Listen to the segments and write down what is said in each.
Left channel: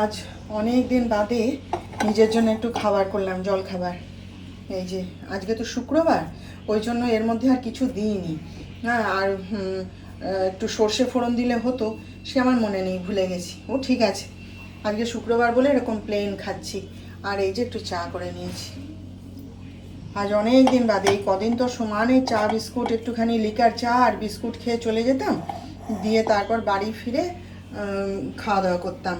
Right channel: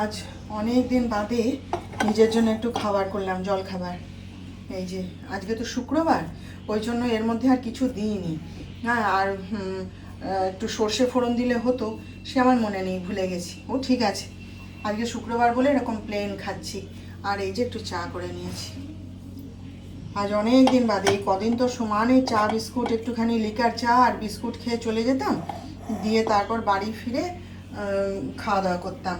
আজ অনেক দিন বাদে নিজের জন্য একটু খাবার করলাম, জল খাবার। এই যে আজকে তো শুক্রবার, ওই জন্য এর মধ্যে আর কিছু দিইনি। হ্যাঁ, আর একটু সর্ষে ফোড়ন দিলে হতো, সে আমার মনে নেই, ভুলে গেছি। ও ঠিক আছে, আজকে শুক্রবার বলে এরকম প্লেন খাচ্ছি। আর এই যে একটু চা করে নিয়েছি। আজ অনেক দিন বাদে, এই কদিন তো সমানে চা বিস্কুট, একটুখানি লিকার চা আর বিস্কুট খেয়ে চলে যেতাম, দিয়ে তারপর বাড়ি ফিরে খাওয়া দাওয়া করতাম।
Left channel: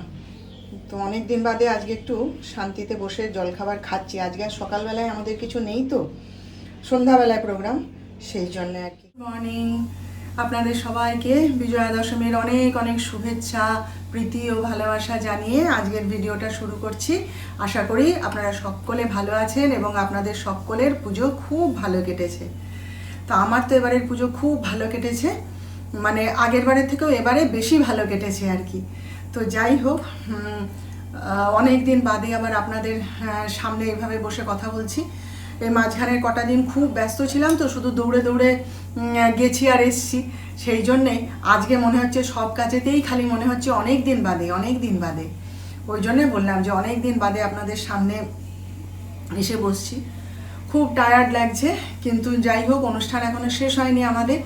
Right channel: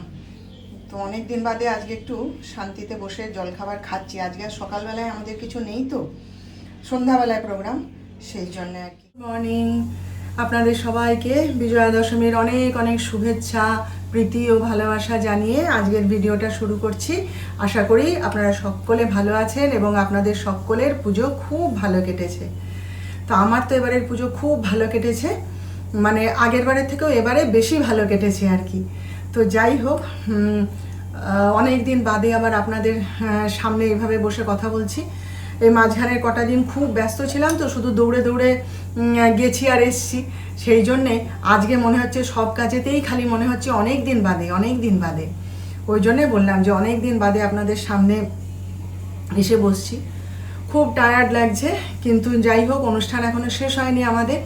তো অনেক দিন বাদে আজকে একটু শান্তিতে বসে জলখাবার খাচ্ছি। আজকে আর সকালবেলায় আমাদের কিছু নেই, তো সন্ধ্যাবেলায় প্রোগ্রাম, সেই জন্য আর কি। মর্নিং, আপনাদের সবাইকে বিজয়া দশমীর অনেক অনেক শুভেচ্ছা, প্রীতি ও ভালোবাসা জানিয়ে আজকের ভিডিওটা শুরু করছি। আশা করি আপনারা সকলে ভালো আছেন এবং আপনাদের সকলের পুজো খুব ভালো কেটেছে। তো আমার তো এবারের পুজো খুব ভালো কেটেছে, মানে আগের বারের থেকেও এবারে বেশি ভালো কেটেছে আর কি। তো যাই হোক, অনেক দিন বাদে আবার আপনাদের সামনে এইভাবে বসে কথা বলছি। এই মাঝখানের কটা দিন খুব ব্যস্ত ছিলাম, তো শুধু দৌড়ে দৌড়ে গেছি আর এসছি। সেই জন্যে আজকে মনে হচ্ছে সব কাজেতেই খালি মনে হচ্ছে অনেক দিন বাদে, অনেক দিন বাদে। ওই জন্যে বললাম যে অনেক দিন বাদে আপনাদের সামনে এসে বসছি। খুব টায়ার্ড লাগছে, কিন্তু যাই হোক, অনুষ্ঠান এখনো শেষ হয়নি আমাদের।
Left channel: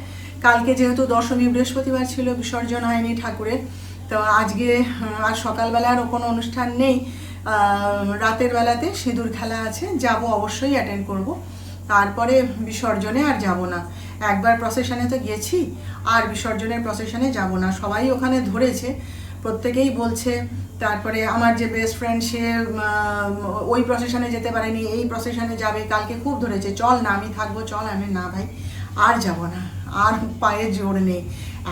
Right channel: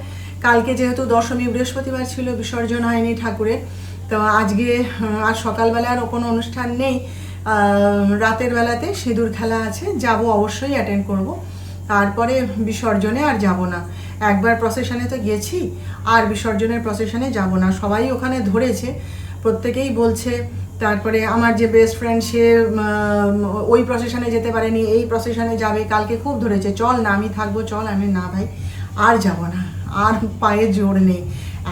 কালকে যেহেতু দশমী, বৃহস্পতিবার ছিল, বিসর্জন হয়নি ঠাকুরের। তো আজকে আর সকালবেলা আর কোনো অনুষ্ঠান নেই, রাতের বেলাতে সিঁদুর খেলা আছে, যাব, অবশ্যই অ্যাটেন্ড করব। তারপরে বিসর্জনে আর যাব না। একবার প্রসেশনে তো গেছি, আর বিসর্জনের প্রসেশনে যাব না। সবাই ওখানে ধরেছে, প্রত্যেকেই বলছে। তারপরে আমার যে বেস্ট ফ্রেন্ড, সে ওই প্রসেশনে যেতে পারেনি, এই প্রসেশনে যাবে। কালকে খুব ধরেছে, চল না, আমি থাকবো, চল। আমি না ভাই, আর যাব না, আর পায়ে জোর নেই।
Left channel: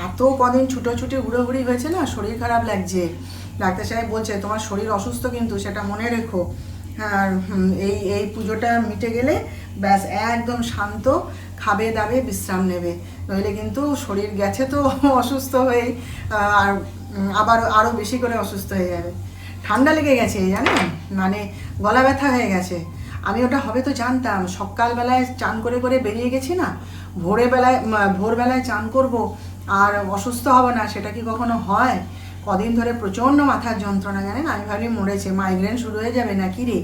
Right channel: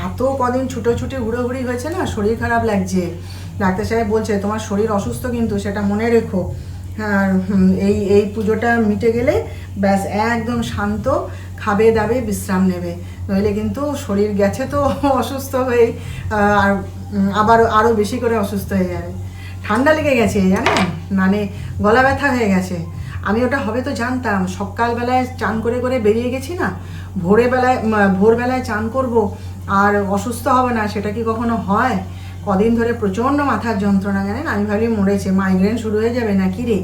এত কদিন ছুটোছুটি ঘুরোঘুরি হয়েছে না, শরীর খারাপ লাগছে। ডাক্তার সাহেব বলছে তোমার শরীর অসুস্থ, কিন্তু সেটা মনে রেখো। আর এই পুজোটা মিটে গেলে ব্যাস একদম শান্ত, খাবে দাবে বিশ্রাম নেবে, নইলে কিন্তু শরীর গেছে তো অসুস্থ হয়েই, আর আবার আরও বেশি করে অসুস্থ হয়ে যাবে। ঠান্ডা লেগে গেছে জানেন, মানে গলা ব্যথা হয়ে গেছে। আমি ওটা হবে তো জানতাম, সকালবেলায় চান করে করে বেরিয়ে গেছি না, ভোরবেলায় চান করব আর অসুস্থ হবে না, সেটা কি কখনো হয়? কদিন ধরে প্রচণ্ড মাথার যন্ত্রণা, জানেন। আমি ভাবলি মরেছে, মাইগ্রেন শুরু হয়ে যাবে নাকি রে।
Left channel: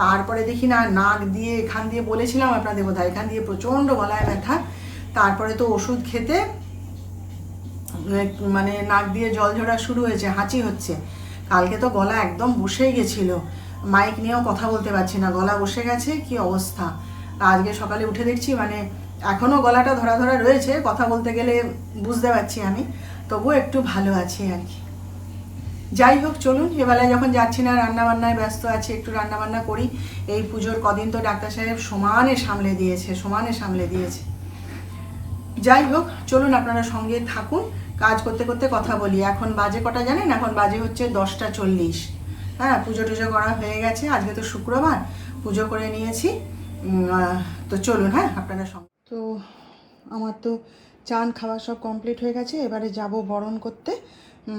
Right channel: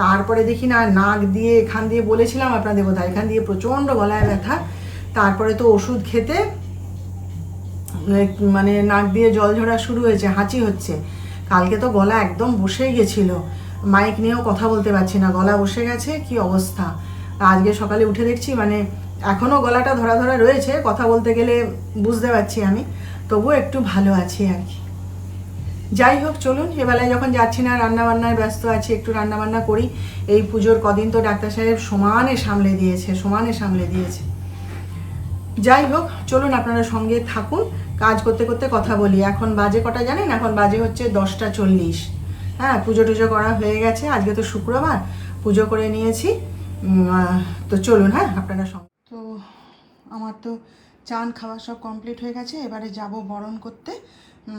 তারপরে দেখি না, নাক দিয়ে, এখান দিয়ে বলেছিলাম আপনাদের বোধহয়, এখান দিয়ে প্রচণ্ড গলায় ব্যথা। তারপরে তো ওষুধ খেতে মানে নাক দিয়ে জল ঝরা শুরু হয়েছে, হাঁচি হচ্ছে। কালকে তো গলা একদম বসে গেছিল, মাইক নিয়েও কথা বলতে পারছি না, গলা বসে গেছে, কি অবস্থা। আজকে সকালে উঠে দেখছি মানে এখনও গলাটা ধরা ধরা রয়েছে, কথা বলতে গেলে বুঝতে পারছি আমি, তবুও একটু ভালো আছি আর কি। যাই হোক, চলুন, এবেলায় যখন যাচ্ছি না, রান্নাবান্নায় ব্যস্ত আছি, একটু রান্নাবান্না করি। এই পুজোর কদিন তো ডাক্তার সাহেব সমানে সামলে দিয়েছে। যাই হোক, চলুন আপনারা সঙ্গে থাকুন, কাজ করতে করতে কথা বলি। এখন বাজে কটা জানেন? এখন বাজে হচ্ছে 10টা 40। হ্যাঁ, পুজো টুজো করা হয়ে গেছে, আজকে তো শুক্রবার, পুজো করে নিয়েছি। তো চলুন, হ্যাঁ, আপনারা সঙ্গে। তো আমার তো চান খাওয়া সব কমপ্লিট হয়ে গেছে, এবারে যাব বরণ করতে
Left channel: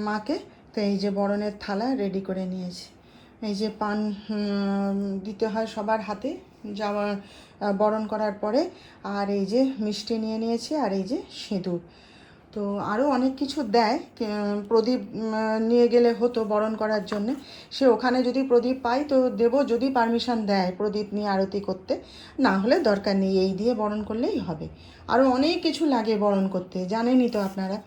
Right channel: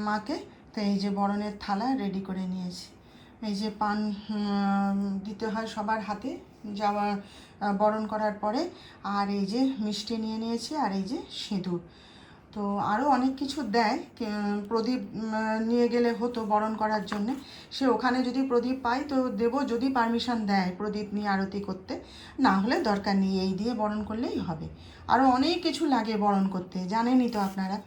মাকে। তো এই যে বরণের থালা রেডি করে নিয়েছি। এই যে পান দিতে হয় সবার হাতে যাওয়া বরণ করার পরে, আর এই যে মিষ্টি নিয়ে নিয়েছি, আর এই যে সিঁদুর। তো আরও অনেক কিছু দেয়, প্রদীপ নিয়ে গেলে হতো বরণ করার জন্যে। সে ওখানে যদি প্রদীপ পাই তো দেব, যদি পারমিশন দেয় প্রদীপ নিয়ে আরতি করতে, না হলে দরকার নেই, এই দিয়ে বরণ করলেই হবে। আরও অনেক কিছু লাগে বরণ করতে, জানেনই তো আপনারা।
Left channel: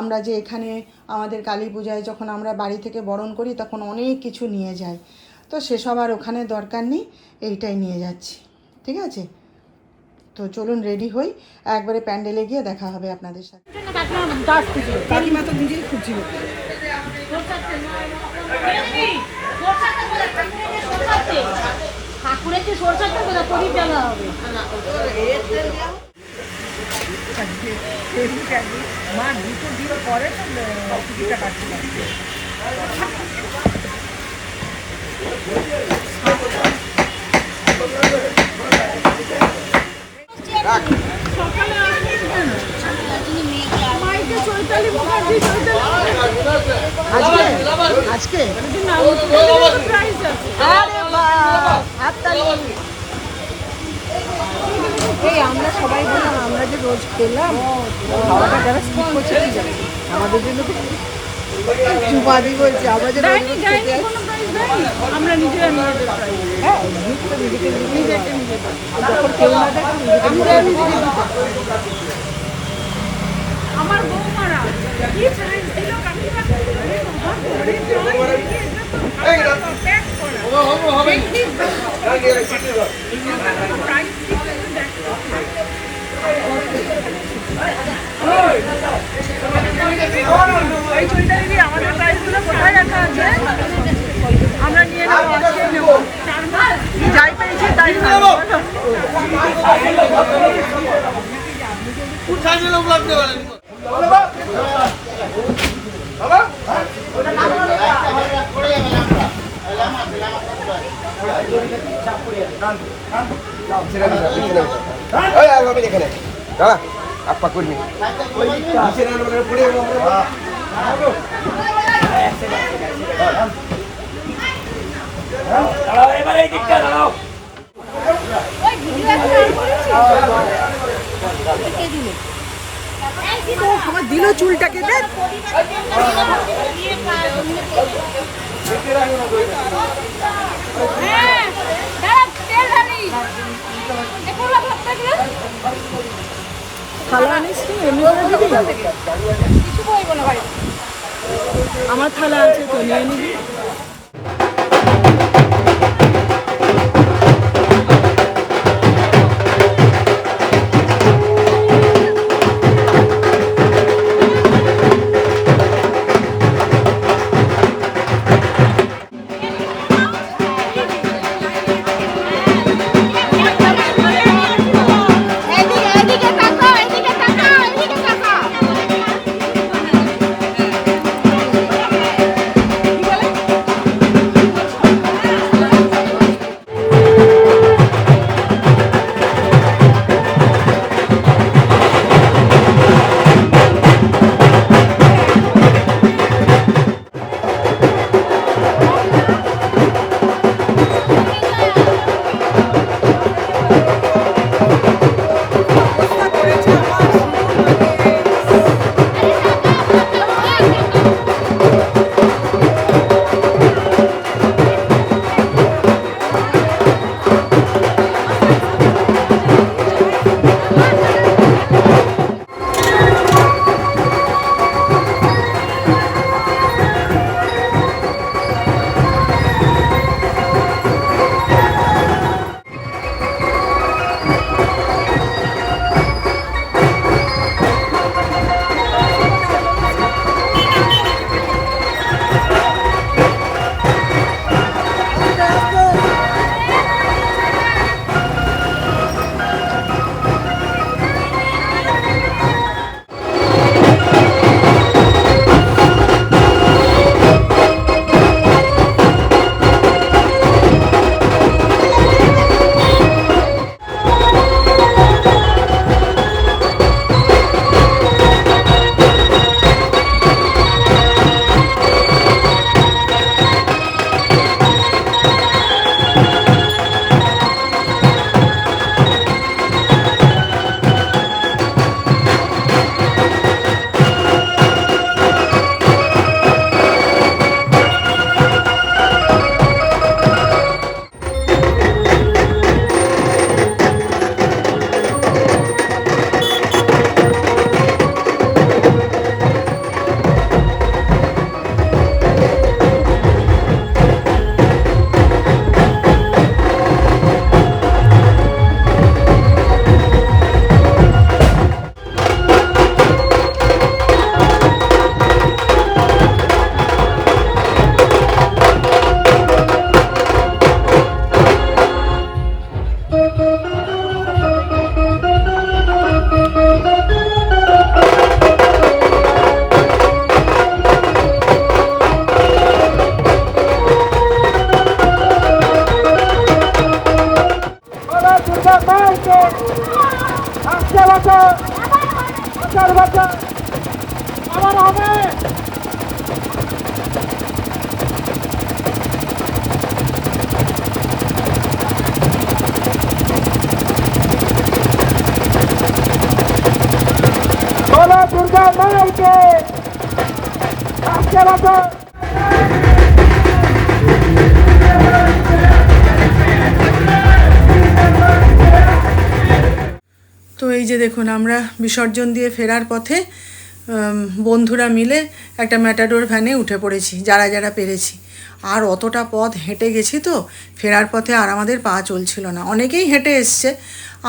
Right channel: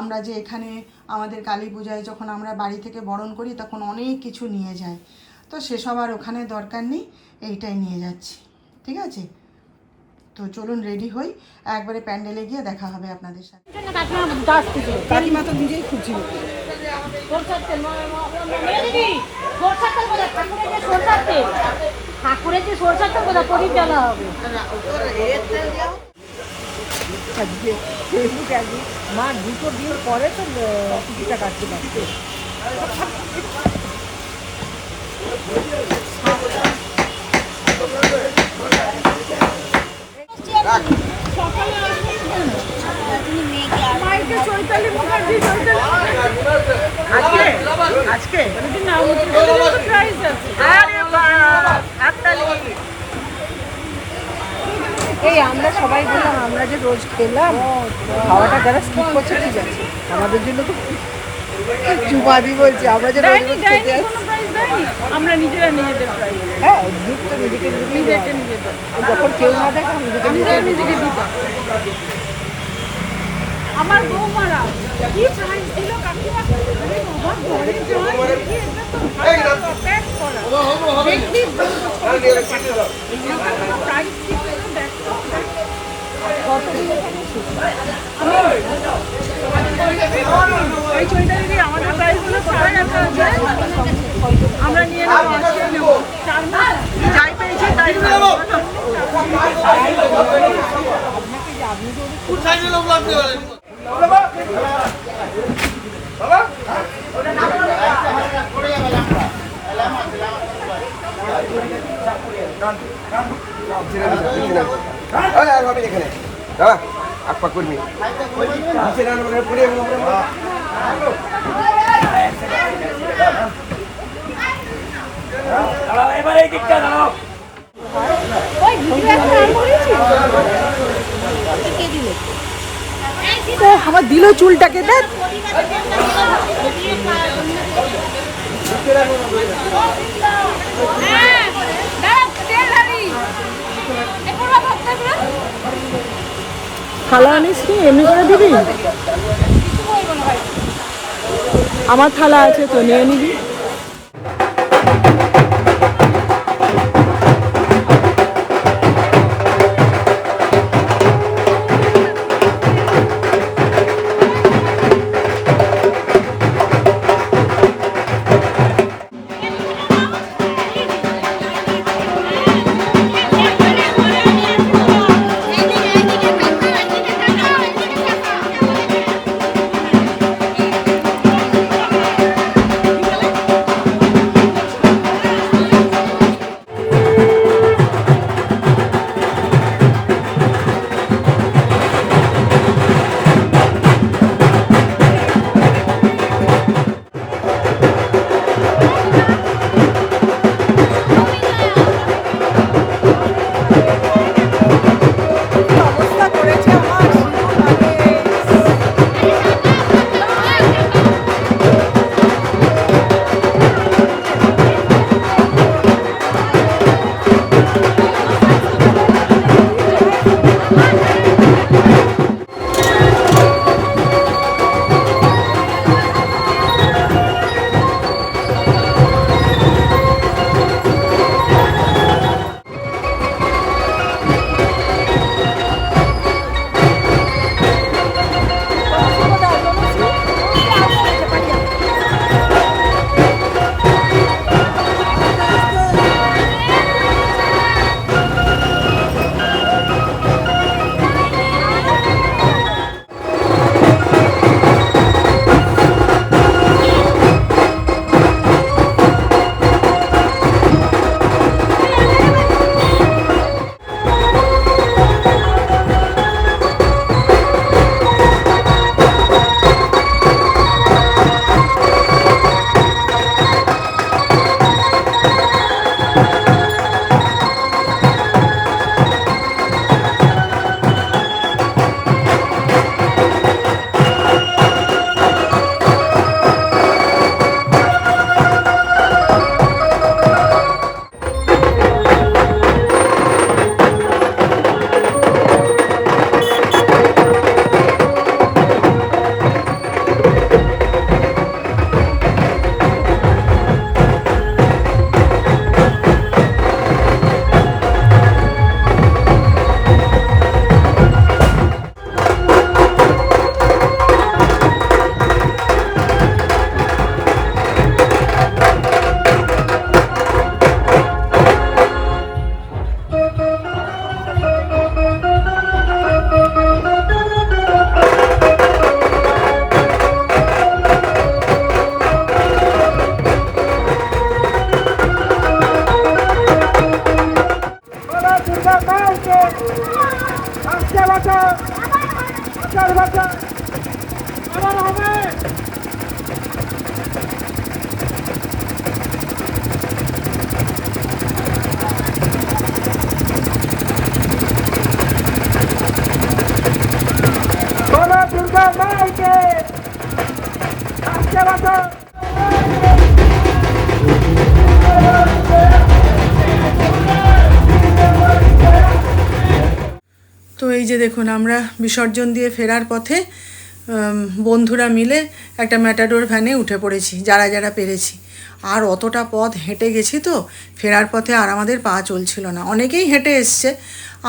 আমরা যে এখানে আমাদের কালী পূজায় যখন আমরা বাড়ি থেকে বরণ করি, তখন অনেক কিছু নিয়ে যাই, তো সেসব আর ওখানে দরকার নেই, এইটাই নিয়ে যাচ্ছি। ঠিক আছে, তো চলুন রেডি হই, একবারে প্যান্ডেলে গিয়ে দেখা হবে আপনাদের সাথে। কাকিমা তো নিজেই খুঁজছিল। মা দুটো দিয়ে পরে তো আজকে আরে বাহ, হাততালি। এই আমরা সবাই বললাম, আমরা যে রোজ খেলাম, যারা স্কিপ করছে আমাদের জন্য চুপাদি বলছে আমরা যে দেয়নি দেয়নি কোনো প্রাইজ দেয়নি, আমরা নিজেরা নিয়ে যেতে পারি। হ্যাঁ নিজেকে নিয়ে যেতে, যখন কেউ না দেখে আমরা নিজেকে দিতে। আমার বৌমারা কি প্রাইজ দিল এই চুড়িটা দিদি আমাদের প্রাইসগুলো কোথায় রাখা আছে? আমরা নিয়ে নেবো, যাই পেয়েছি তাই নেবো। দাঁড়া আপা কর্মী এবার এই দিকটা দাঁড়াও। আমার দিল চুলটাকে দেখ। থালা আনিস কি এমনি করে দিবি? আমার থালা আছে তো, নিয়ে নিবি। যে দেখুন আমরা বিসর্জন দিয়ে ফেরার পথে বন্ধুরা মিলে একটা ম্যাটাডোর ভ্যানে উঠে পড়েছি, যারা যারা পেরেছি। আর অতটা পথ হেঁটে গেছি তো ফেরার পথে আর আমাদের পা চলছিল না। অনেকেই হেঁটে এসছে,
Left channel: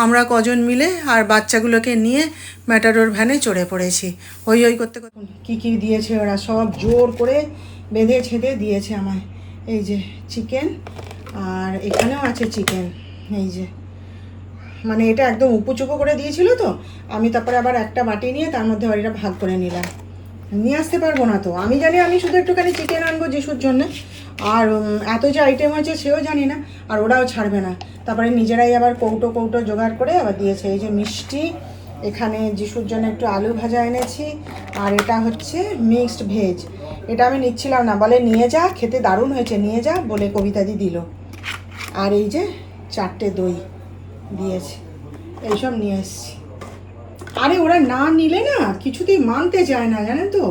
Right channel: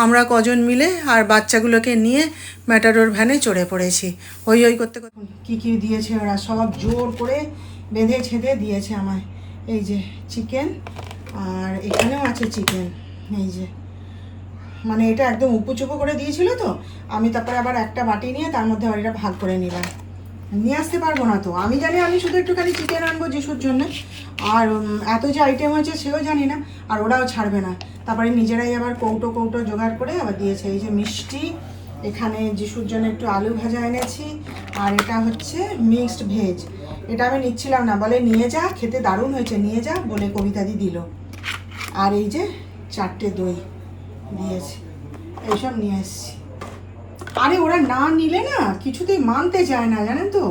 আমরা কজন মিলে আর বাচ্চাগুলোকে নিয়ে ম্যাটাডোর ভ্যানে চড়ে পড়েছি। হই হই করতে করতে কী কী দিয়েছে ওরা, সব জোর করে বেঁধে ছেঁধে দিয়েছে আমায়। এই যে চিকেন, আর এখানেও আছে চিকেন। এই যে মানে এটা একদম উপুচুপু করে দিয়েছিল তো, আমি তারপরে আবার একটা বাটি নিয়ে তার মধ্যে বাড়িটা ভাগ করে নিলাম। নিয়ে আসতে পারবো না তো, আমি জানি আমি শুধু একটুখানি চিকেন আনবো যিশুর জন্য, আর এত যে আইটেম হয়েছে সেও জানি না, আর ওরাও ছাড়বে না। তারপরে নিজেরাই আবার কৌটো কৌটো জোগাড় করে আবার দিয়েছে। এই যে মিষ্টি, এখানে যিশুর জন্য একটু আলু ভাজা এনেছি, আর এটা হচ্ছে মিক্সড ভেজ। এটা আমি নিচ্ছিলাম না, বলে নিয়ে যা, খেতে দারুণ হয়েছে, নিয়ে যা বলে কবিতাদি দিল। আর এই যে 4টে দই দিয়েছে, এইসব নিয়ে এসছি। আরে ওরা না নিলে না কিছুতেই মানতে চায় না, জানেন তো,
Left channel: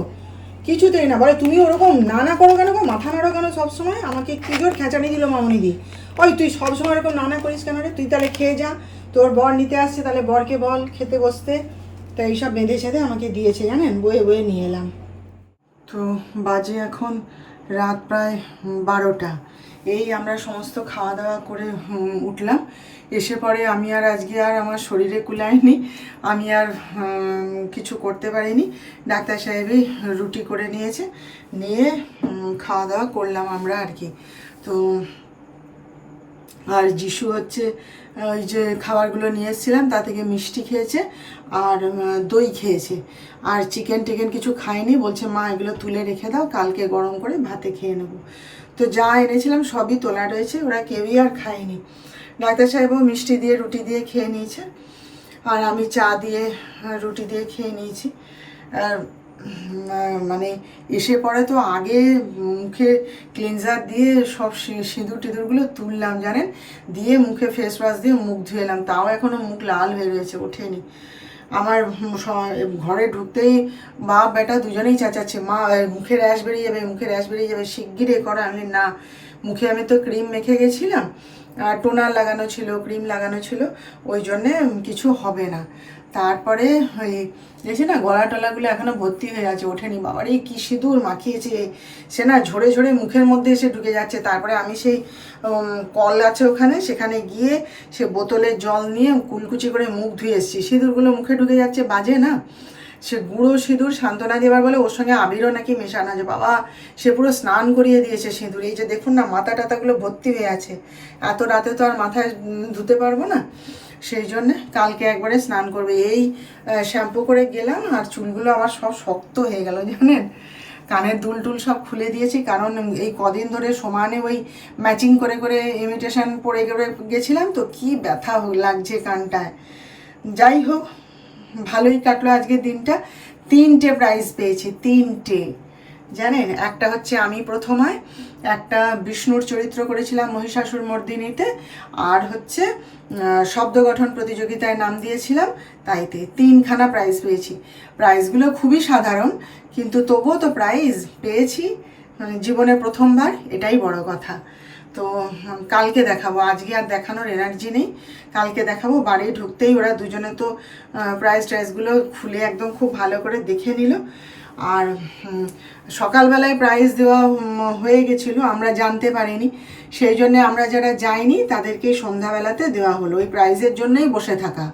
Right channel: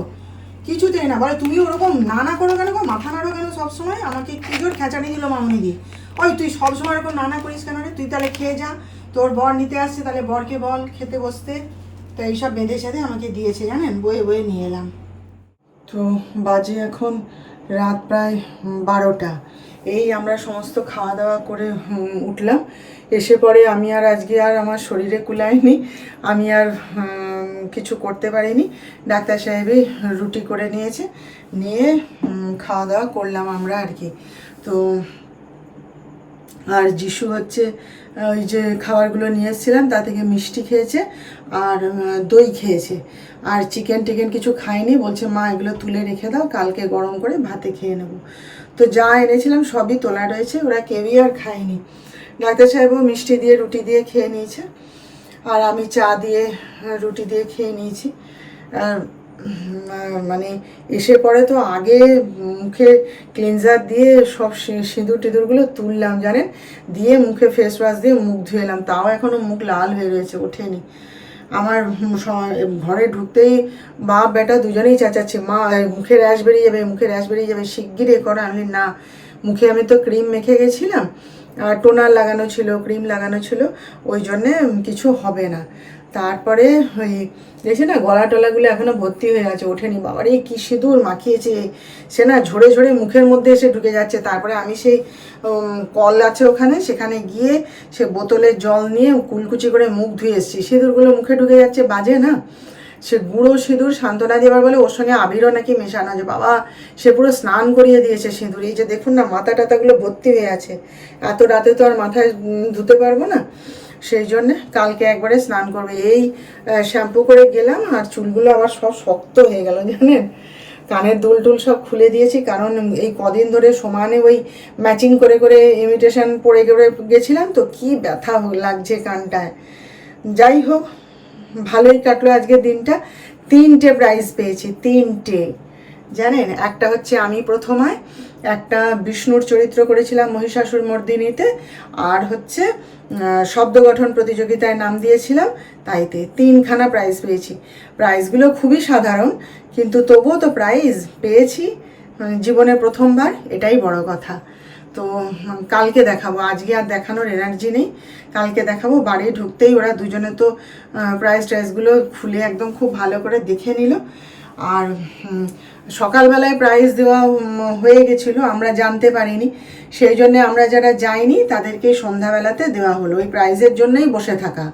কিছুতেই না। বলে তুমি ওরকম না করো কেন, মাথা নাড়ো কেন সবসময়। আমাকে কি জোর খেঁচানি দিল মামনি দি, ওই তুই সবসময় এরকম না করিস কেন রে, তুই তাহলে খেয়ে যা, তোর বর নিতে আসছে তাহলে বরকে বল খেতে বসতে। তো এইসব বেঁধে ছেঁধে আমাকে দিয়েছে, জানেন, বয়ে বয়ে নিয়ে এলাম। তো বাজে এখন রাত প্রায় 12টা। এই আমরা সমস্ত খাওয়া দাওয়া করে উঠলাম। এসে পরে আমি আর আজকে আর আমার শরীরে কুলায়নি, আমি আর কিছু করতে পারিনি। ডাক্তার সাহেবই রুটি করে নিয়েছে, নিয়ে খাওয়া দাওয়া করলাম আমরা আর কি। তো আর যিশু হচ্ছে ওই যে খাবারগুলো নিয়ে এসেছিলাম তা থেকে মিষ্টি খেয়েছে আর দই খেয়েছে, আর চিকেন টিকেন কিছু খায়নি। বলছে মা এগুলো তুলে রেখে দাও, কালকে গরম করে ভাতে খেয়ে নেবো। তো যা এনেছিলাম সবই তোলা রয়েছে, ওরা কেউই আর খায়নি। ডাক্তার সাহেবও মিষ্টি দিয়ে রুটি দিয়ে খেয়ে নিয়েছে, আর আমি চা দিয়ে রুটি দিয়ে খেয়ে নিয়েছি। আর মানে এসে পরে তো আগে মুখে ক্লিনজার দিয়ে সব সিঁদুর টিঁদুরগুলো তুললাম, জানেন, দিয়ে মুখে ফেস ওয়াশ দিয়ে মুখ ধুয়ে এলাম, তাও এখনও মুখ লাল হয়ে রয়েছে, ওঠেনি। আমার ঘরে ঢুকতেই বাপ বেটা দুজনেই চেঁচাচ্ছে, মা মুখে র্যাশ বেরিয়ে যাবে, মুখে র্যাশ বেরিয়ে যাবে, শিগগির এ করো। আমি না, মুখে আমি তো ক্রিম মেখে গেছিলাম, আর টোনার লাগানো ছিল, ক্রিম লাগানো ছিল, ওই জন্যে কিছু হবে না। তারপরে ওই দেখছি না গলা টলাগুলো এখনও ভর্তি হয়ে আছে, ওঠেনি। বাবারে কী সিঁদুর মাখিয়েছে, সে না ঝরে ঝরে মুখের মধ্যে এসে ঢুকে যাচ্ছে। তারপরে আমি সেই কল আছে ওখানে, সেখানে গিয়ে সে বোতলের জল নিয়ে কুলকুচি করে মুখ ধুয়ে এসেছি। সিঁদুরগুলো মুখে ঢুকে যাচ্ছে, বাজে না। সে গুঁড়ো সিঁদুর সান্ত্বনা দেবার বলে ওর সঙ্গে আবিরও নাকি মেশানো, যে বাবা সে পুরো স্নান করিয়ে দিয়েছে সিঁদুর। এই যে দেখুন না মাথা টাথাগুলো ভর্তি হয়ে আছে, এত রাতে তো আর মাথায় ধুতে পারবো না, সেই জন্যে কালকে একবারে স্নান করবে। এই শ্যাম্পু করে গেলাম, আর চুলগুলো আবার সব শক্ত হয়ে গেল, জানেন। কানের দুল টুল সব খুলে দিয়েছি, কারণ এই কদিন ধরে সমানে ওই ম্যাচিং করে করে ইমিটেশন পরে গেছিলাম তো, কি ব্যথা লাগছে কানটায়। যাই হোক, ভালোই কাটলো আজকের দিনটা। 3টে প্রাইজ পেয়েছি, 3টে, জানেন। একটা হচ্ছে আমি প্রথমায় একটা বিষ্ণুর চরিত্র করেছিলাম মহিষাসুর মর্দিনীতে, আর হচ্ছে শব্দ গঠন প্রতিযোগিতায় নাম দিয়েছিলাম, তাইতে 3খানা প্রাইজ পেয়েছি। প্রাইজগুলো খুবই সাধারণ, কিন্তু তবুও তো প্রাইজ পেয়েছি, জীবনে প্রথমবার, এটাই বড় কথা। তো কালকে দেখাবো, আজকে আর দেখানোর এনার্জি নেই, কালকে দেখাবো। বাড়ি ঢুকতেই ওরা দুজনে তো প্রাইজ ট্রাইজগুলো খুলে একদম খুব ভালো করে দেখে নিল। আর সকালবেলায় প্রাইজ দেওয়া হয়ে গেছিলো, আমরা জানতে পারিনি, সেই জন্যে আমরা যারা যাইনি তাদেরকেই সন্ধ্যাবেলাতে দেওয়া হলো। ওই প্রাইজের জন্যই বসে থাকা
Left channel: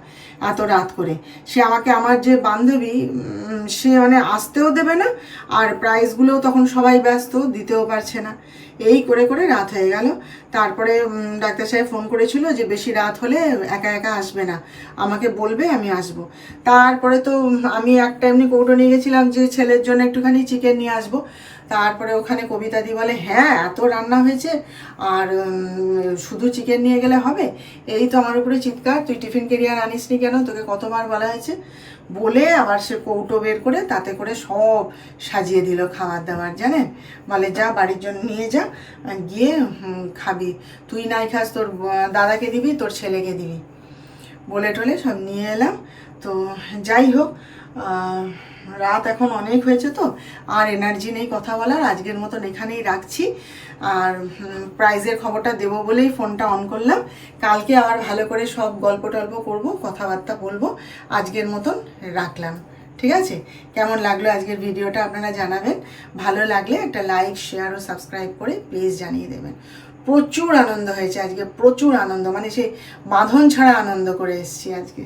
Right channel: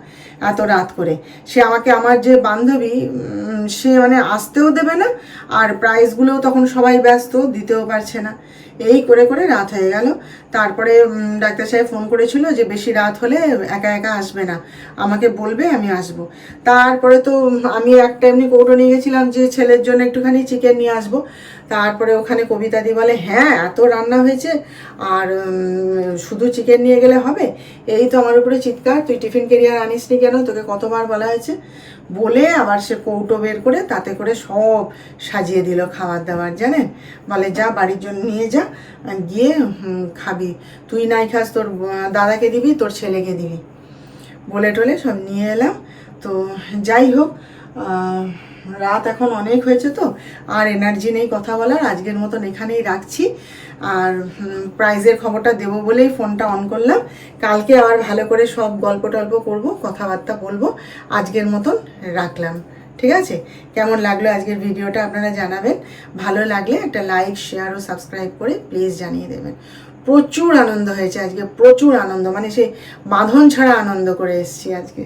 এত রাত করে। সে আমাকে, আমার যে বান্ধবী, সে মানে আসতেও দেবে না, আর প্রাইজগুলোও তখন সবাই ব্যস্ত, দিতেও পারছে না। এই করে করে রাত হয়ে গেল। তারপরে ডাক্তার সাহেব ফোন করেছিল যে বেশি রাত হলে একা একা আসবে না, আমাকে বলবে, আমি আসব। তারপরে তো আমি একটা এমনি কৌটো নিয়ে গেছিলাম যে ছেলের জন্য একটুখানি চিকেন নিয়ে আসবো। তারপরে ওখানে কবিতাদি বলে হ্যাঁ এত রান্না হয়েছে আর শুধু চিকেন নিয়ে গেলে হবে? এই তো আমার উপরে চিৎকার, তুই টিফিন ক্যারিয়ার আনিস নি কেন, তোকে কতবার বলা হয়েছে। বলে আবার সে কৌটো বের করে তাতে করে সব সাজিয়ে দিল খাবার দাবার, জানেন। বলে যা বাড়ির জন্য নিয়ে যা, গিয়ে খাবি, তুই নাই খাস তোর দাদাকে দিবি, তোর ছেলেকে দিবি, বলে টলে সব নিয়ে এলাম। তো যাই হোক, রাত এখন অনেক হয়েছে তো, আর এনার্জি নেই কথা বলার। আজকের মতন এখানেই রাখছি। আর প্রাইজের খবরটা দেবো বলেই ফোনটা অন করলাম। কালকে আবার ভালো করে সব গল্প টল্প করবো, কথাবার্তা বলবো। আজকের মতন রাখলাম, ঠিক আছে? কেমন লাগলো আজকের ভিডিওটা আপনারা জানাবেন। ভালো লাগলে একটা লাইক, শেয়ার ও সাবস্ক্রাইব করে প্লিজ জানিয়ে দেবেন। প্রচুর আনন্দ হয়েছে আজকে, প্রচুর আনন্দ, মানে সেই বাঁধন ছাড়া আনন্দ করে এসেছি আজকে।